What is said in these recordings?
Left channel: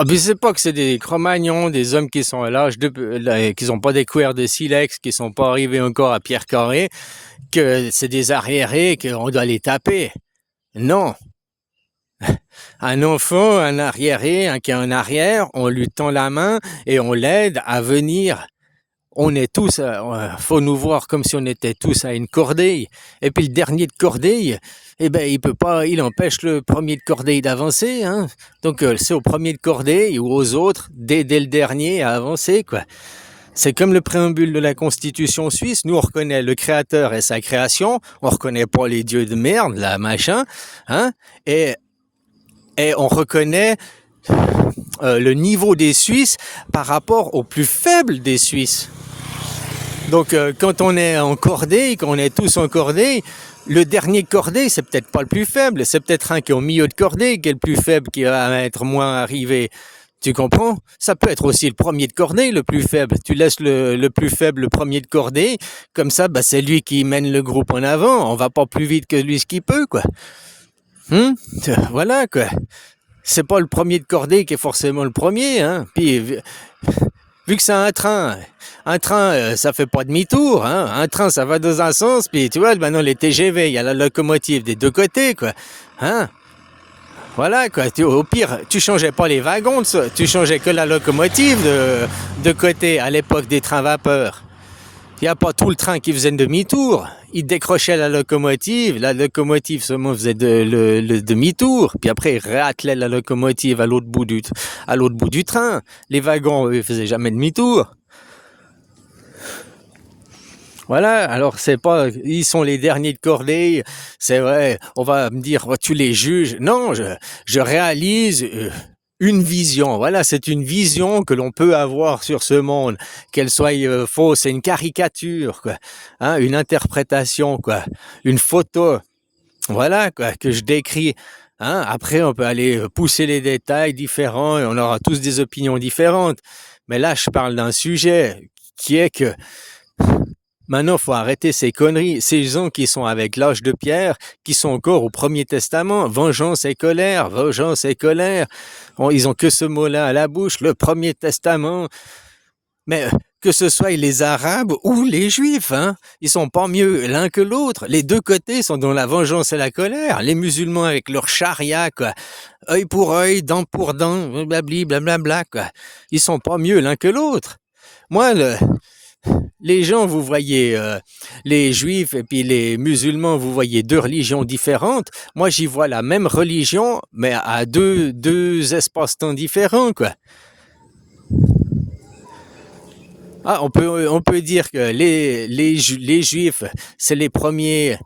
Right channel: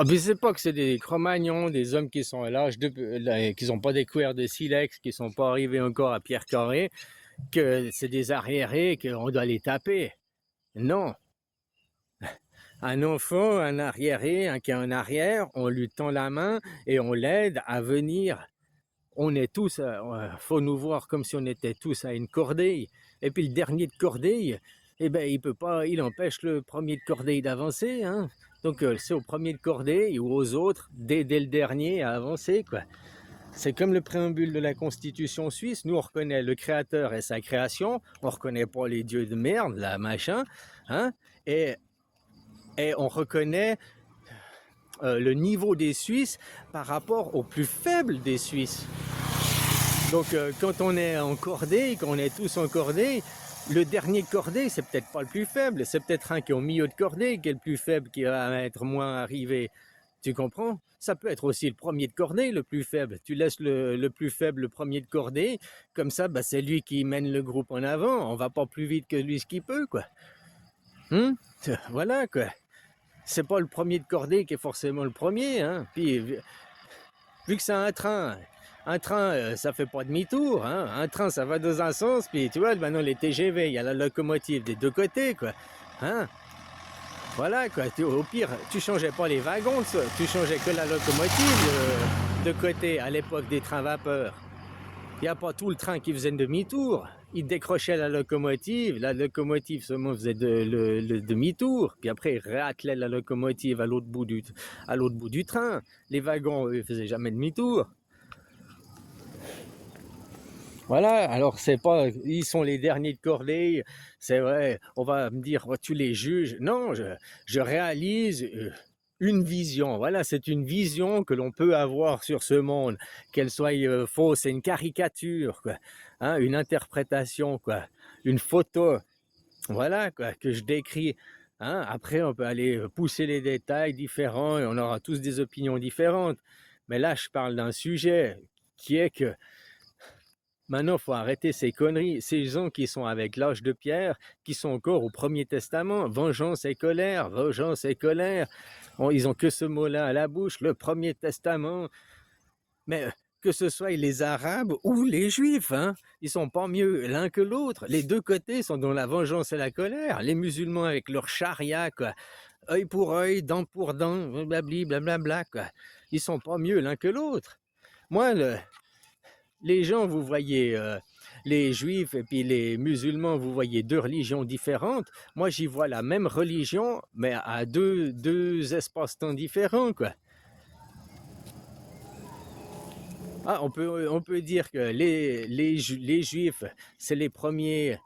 Ah, mais c'est pas que c'est des Cro-Magnons, des hommes qui sont à l'âge qui sont pas découverts de silex, qui sont pas arrivés encore à Pierre Carré, que c'est des arriérés, qu'on doit les taper. Non. Un enfant, un arriéré, un qui est en arrière, on lui tend la main et on l'aide à venir. On est tous, faut nous voir comme si on était tous à une cordeille. Et puis le dernier de cordeille, eh ben il peut pas, il empêche le premier de cordeille d'avancer, hein. Donc c'est au premier de cordeille ou aux autres d'aider le dernier à avancer, quoi. C'est comme le préambule de la Constitution suisse. Nous, on reconnaît le Créateur et sa création. On reconnaît pas les dieux de merde, là, machin, hein. Et, et on reconnaît le niveau des Suisses par rapport au plus faible des Suisses. Donc, quand on est en cordée, quand on est tous en cordée, le dernier cordée, c'est peut-être pas le plus faible, c'est peut-être un qui est au milieu de cordée qui est le plus faible, qui va être moins arrivé. Tu comprends? Ça peut être aussi le premier de cordée, le plus faible. Tu laisses le plus faible, le premier de cordée, comme ça, bah, c'est lui qui mène le groupe en avant. On va pas plus vite que lui ce qu'il peut, quoi. Voilà, quoi. C'est pas le premier de cordée qui est forcément le premier, hein. Puis, vu que c'est un train, ça fait pas demi-tour, hein. Un train, ça va dans un sens, puis tu vois, maintenant les TGV, il y a la locomotive des deux côtés, quoi. Hein? Voilà, quoi. Au pire, tu changeais pas les wagons, tu changeais que la locomotive de côté à l'époque des trains vapeur. Il n'y a pas tout le train qui faisait demi-tour. Il décrochait la locomotive seulement faisait le demi-tour, puis après il réattelait la locomotive à l'autre bout du train. Les wagons, eux, faisaient jamais demi-tour. Voilà, alors c'est pas, ils sont les derniers de cordée, c'est vrai, on va me dire, oh, tu les juges. Non, je réalise une vision. Voilà, c'est une vision que l'on peut avoir sur ce monde, qu'elle soit fausse, c'est une caricature, quoi, hein, une interprétation, quoi, une photo. Voilà, quoi, que je décris. Hein. Après, on peut aller pousser les détails différents et on aura tous des opinions différentes. Mais là, je parle d'un sujet qui est que maintenant, il faut arrêter ces conneries. Ces gens qui sont avec l'âge de pierre, qui sont encore au Premier Testament, vengeance et colère, vengeance et colère. Ils ont que ce mot-là à la bouche, le Premier Testament. Mais que ce soit les Arabes ou les Juifs, hein, ils sont pas mieux l'un que l'autre. Les deux côtés sont dans la vengeance et la colère. Les musulmans avec leur charia, quoi. Œil pour œil, dent pour dent, blabli, blablabla, quoi. Ils sont pas mieux l'un que l'autre. Moi, les gens, vous voyez, les juifs et puis les musulmans, vous voyez deux religions différentes. Moi, j'y vois la même religion, mais à deux espaces-temps différents, quoi. Ah, on peut dire que les juifs, c'est les premiers,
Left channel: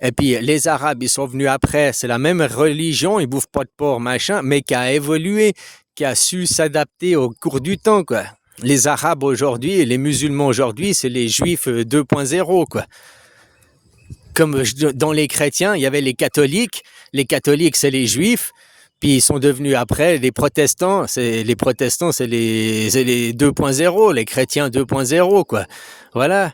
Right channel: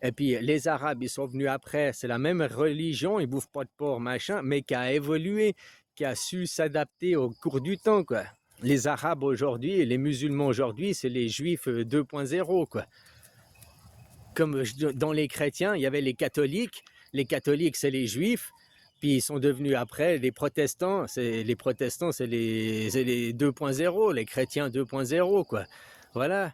et puis les arabes, ils sont venus après. C'est la même religion, ils bouffent pas de porc, machin, mais qui a évolué, qui a su s'adapter au cours du temps, quoi. Les Arabes aujourd'hui et les musulmans aujourd'hui, c'est les Juifs 2.0, quoi. Comme dans les chrétiens, il y avait les catholiques. Les catholiques, c'est les Juifs. Puis ils sont devenus après les protestants. C'est les 2.0, les chrétiens 2.0, quoi. Voilà.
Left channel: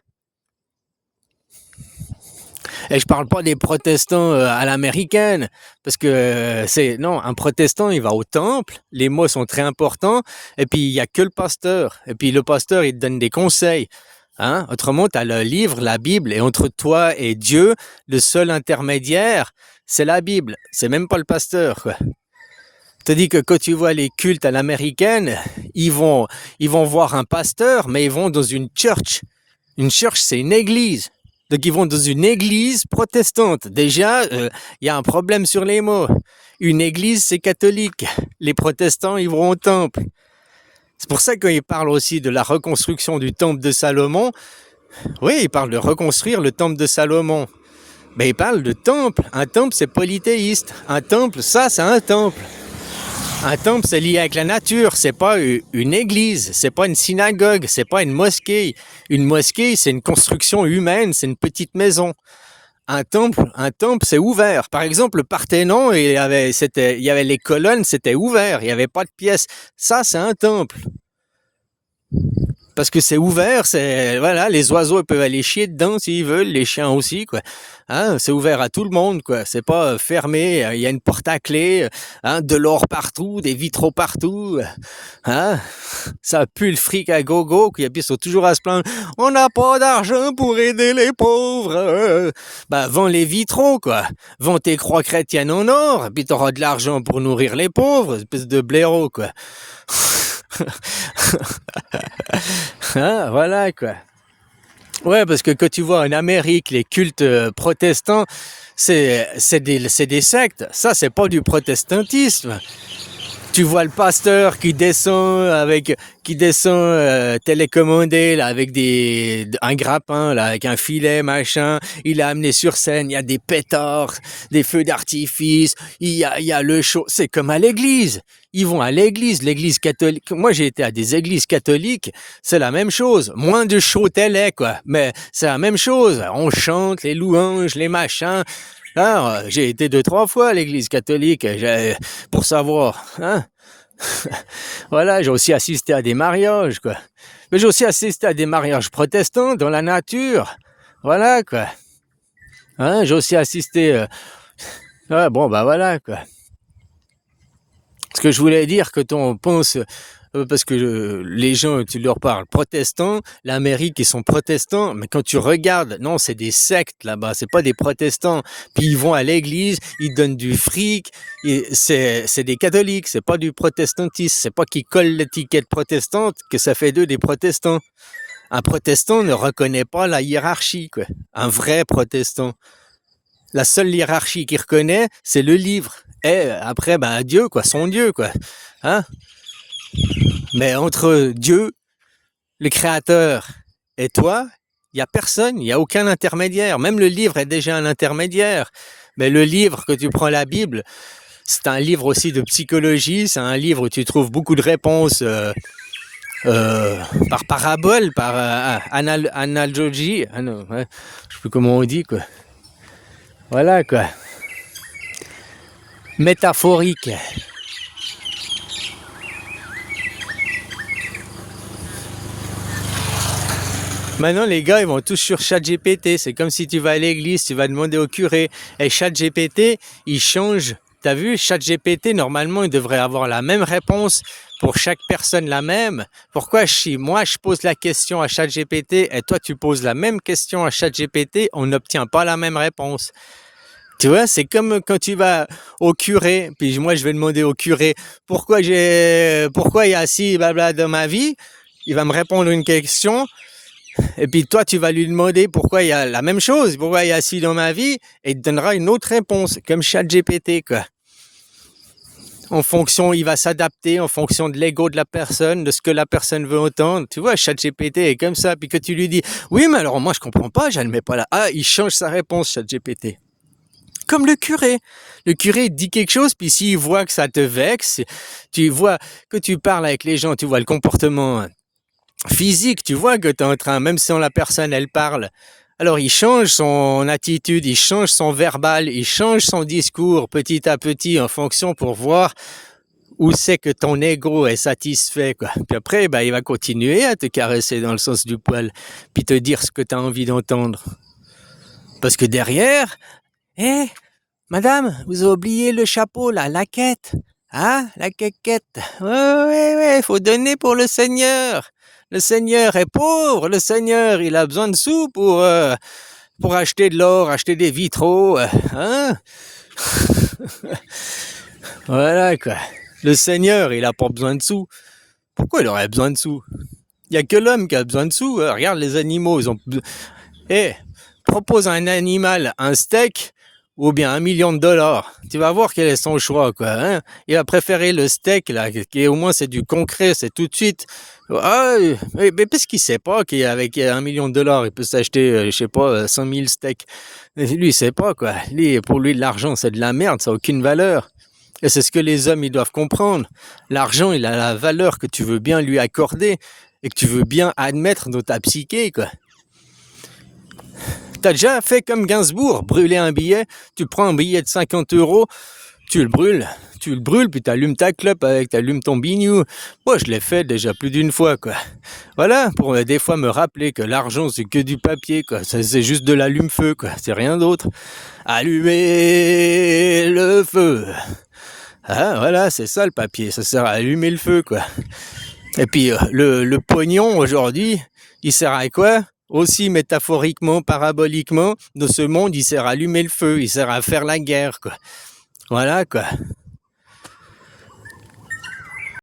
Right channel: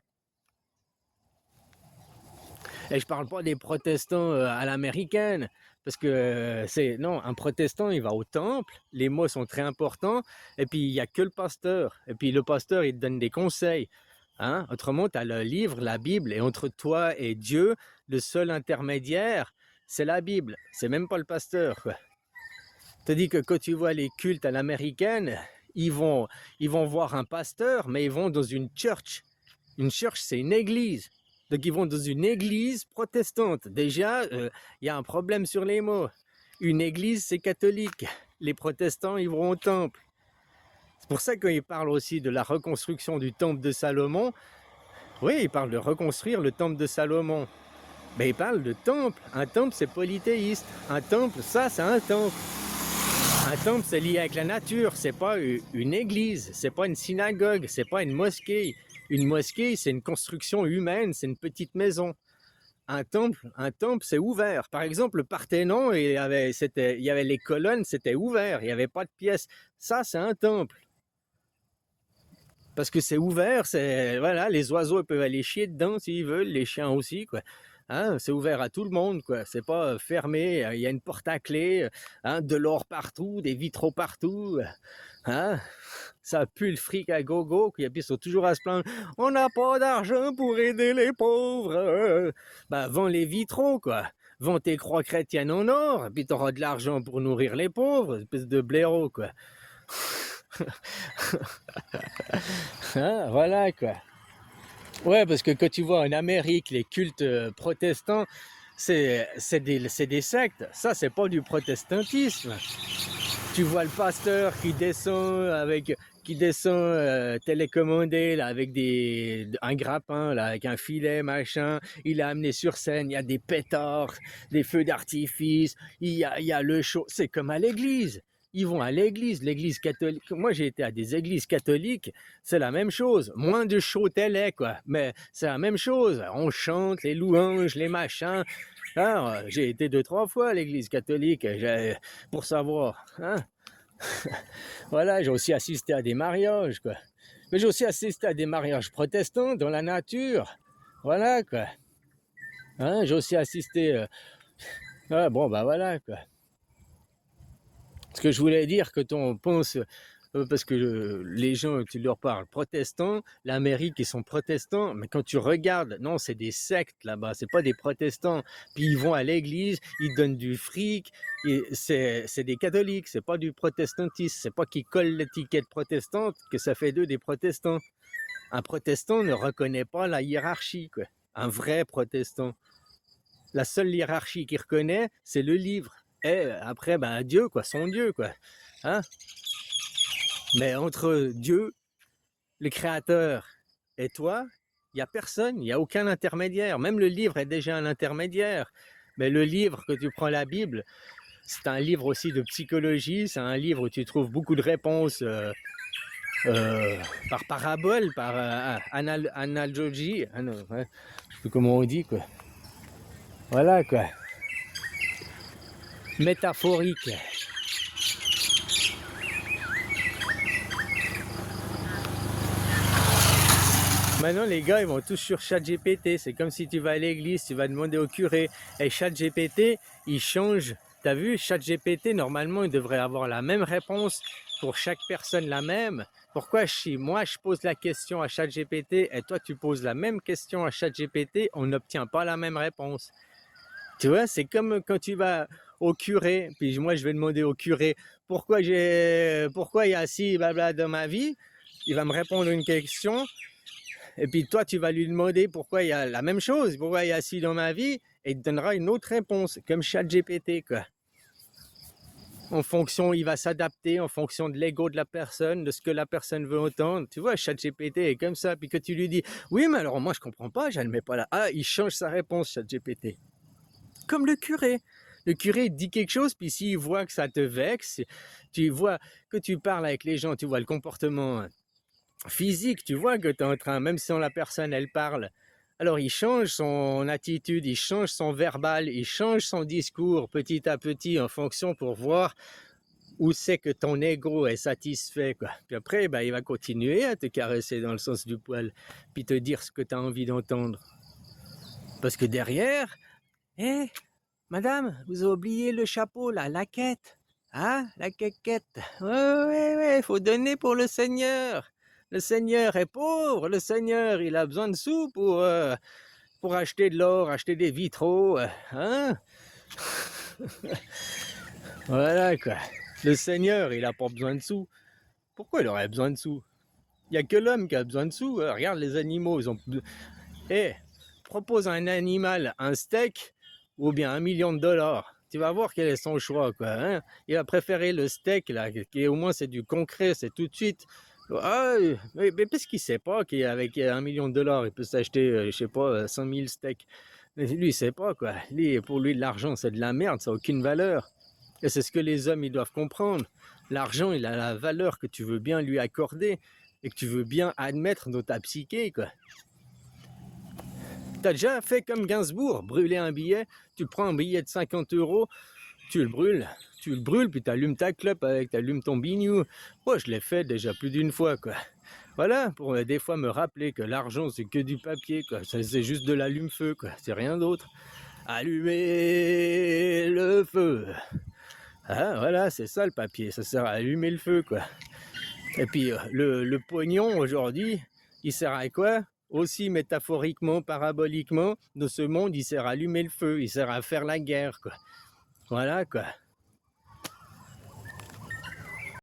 Et je parle pas des protestants à l'américaine, parce que non, un protestant, il va au temple, les mots sont très importants, et puis il y a que le pasteur, et puis le pasteur, il te donne des conseils. Hein? Autrement, tu as le livre, la Bible, et entre toi et Dieu, le seul intermédiaire, c'est la Bible, c'est même pas le pasteur, quoi. Je te dis que quand tu vois les cultes à l'américaine, ils vont voir un pasteur, mais ils vont dans une church. Une church, c'est une église. Donc, ils vont dans une église protestante. Déjà, il y a un problème sur les mots. Une église, c'est catholique. Les protestants, ils vont au temple. C'est pour ça qu'ils parlent aussi de la reconstruction du temple de Salomon. Oui, ils parlent de reconstruire le temple de Salomon. Mais ils parlent de temple. Un temple, c'est polythéiste. Un temple, ça, c'est un temple. Un temple, c'est lié avec la nature, c'est pas une église, c'est pas une synagogue, c'est pas une mosquée. Une mosquée, c'est une construction humaine, c'est une petite maison. Un temple, c'est ouvert. Par exemple, le Parthénon, il y avait les colonnes, c'était ouvert, il n'y avait pas de pièces. Ça, c'est un temple. Parce que c'est ouvert, c'est voilà, les oiseaux ils peuvent aller chier dedans s'ils veulent, les chiens aussi, quoi. Hein, c'est ouvert à tout le monde, quoi. C'est pas fermé, il y a une porte à clé, hein, de l'or partout, des vitraux partout, hein. Ça pue le fric à gogo, puis ils sont toujours à se plaindre. On n'a pas d'argent pour aider les pauvres. Ben, vends les vitraux, quoi. Vends tes croix chrétiennes en or, puis t'auras de l'argent pour nourrir les pauvres, espèce de blaireau, quoi. Hein, voilà, quoi. Ouais, parce que quand tu vois en Amérique les cultes protestants, c'est des sectes. Ça, c'est pas du protestantisme. Tu vois le pasteur qui descend télécommandé là, avec un grappin là, avec un filet machin. Il a amené sur scène. Il y a des pétards, des feux d'artifice. Il y a le show. C'est comme à l'église. Ils vont à l'église catholique. Moi, j'ai été à des églises catholiques. C'est la même chose. Moins de show télé, quoi. Mais c'est la même chose. On chante les louanges, les machins. Alors, j'ai été 2-3 fois à l'église catholique pour savoir. Hein. Voilà, j'ai aussi assisté à des mariages, quoi. Mais j'ai aussi assisté à des mariages protestants dans la nature. Voilà, quoi. Hein, j'ai aussi assisté... Ouais, bon, bah voilà, quoi. Ce que je voulais dire, quand on pense... parce que les gens, tu leur parles protestants, l'Amérique, ils sont protestants, mais quand tu regardes, non, c'est des sectes là-bas, c'est pas des protestants. Puis ils vont à l'église, ils donnent du fric, c'est des catholiques, c'est pas du protestantisme, c'est pas qu'ils collent l'étiquette protestante que ça fait d'eux des protestants. Un protestant ne reconnaît pas la hiérarchie, quoi. Un vrai protestant. La seule hiérarchie qu'il reconnaît, c'est le livre. Et après, ben, Dieu, quoi, son Dieu, quoi. Hein? Mais entre Dieu, le Créateur, et toi, il n'y a personne, il n'y a aucun intermédiaire. Même le livre est déjà un intermédiaire. Mais le livre, que tu prends la Bible, c'est un livre aussi de psychologie, c'est un livre où tu trouves beaucoup de réponses par parabole, par analogie. Ah non, ouais, je sais plus comment on dit, quoi. Voilà, quoi. Métaphorique. Maintenant, les gars, ils vont tous sur ChatGPT. C'est comme si tu vas à l'église, tu vas demander au curé. Et ChatGPT, il change. T'as vu, ChatGPT, normalement, il devrait avoir la même réponse pour chaque personne, la même. Pourquoi si moi, je pose la question à ChatGPT et toi, tu poses la même question à ChatGPT, on n'obtient pas la même réponse. Tu vois, c'est comme quand tu vas au curé, puis moi, je vais demander au curé pourquoi il y a ci, blabla dans ma vie. Il va me répondre une question. Et puis toi, tu vas lui demander pourquoi il y a la même chose, pourquoi il y a ci dans ma vie, et il te donnera une autre réponse, comme ChatGPT, quoi. En fonction, il va s'adapter en fonction de l'ego de la personne, de ce que la personne veut entendre. Tu vois, ChatGPT est comme ça. Puis que tu lui dis, oui, mais alors moi, je comprends pas, j'admets pas là. Ah, il change sa réponse, ChatGPT. Comme le curé. Le curé dit quelque chose, puis s'il voit que ça te vexe, tu vois que tu parles avec les gens, tu vois le comportement physique, tu vois que tu es en train, même si la personne, elle parle, alors il change son attitude, il change son verbal, il change son discours petit à petit en fonction pour voir où c'est que ton ego est satisfait, quoi. Puis après, ben, il va continuer à te caresser dans le sens du poil, puis te dire ce que tu as envie d'entendre. Parce que derrière, madame, vous avez oublié le chapeau, la laquette. Hein, la quéquette. Ouais, faut donner pour le Seigneur. Le Seigneur est pauvre, le Seigneur, il a besoin de sous pour acheter de l'or, acheter des vitraux, hein. Voilà, quoi. Le Seigneur, il a pas besoin de sous. Pourquoi il aurait besoin de sous? Il n'y a que l'homme qui a besoin de sous. Regarde les animaux, ils ont... propose à un animal un steak ou bien $1 million. Tu vas voir quel est son choix, quoi. Hein? Il va préférer le steak, là, qui au moins c'est du concret, c'est tout de suite. Ah, mais parce qu'il sait pas qu'avec $1 million, il peut s'acheter, je sais pas, 100 000 steaks. Lui, il sait pas, quoi. Pour lui, l'argent, c'est de la merde, ça n'a aucune valeur. Et c'est ce que les hommes, ils doivent comprendre. L'argent, il a la valeur que tu veux bien lui accorder et que tu veux bien admettre dans ta psyché, quoi. T'as déjà fait comme Gainsbourg, brûler un billet, tu prends un billet de 50 €, tu le brûles, tu le brûles, puis tu allumes ta clope avec, tu allumes ton bignou. Moi, je l'ai fait déjà plus d'une fois, quoi. Voilà, pour des fois me rappeler que l'argent, c'est que du papier, quoi. C'est juste de l'allume-feu, quoi. C'est rien d'autre. Allumer le feu. Ah, voilà, c'est ça le papier. Ça sert à allumer le feu, quoi. Et puis, le pognon, aujourd'hui, il sert à quoi? Aussi métaphoriquement, paraboliquement, dans ce monde, il sert à allumer le feu, il sert à faire la guerre, quoi. Voilà, quoi.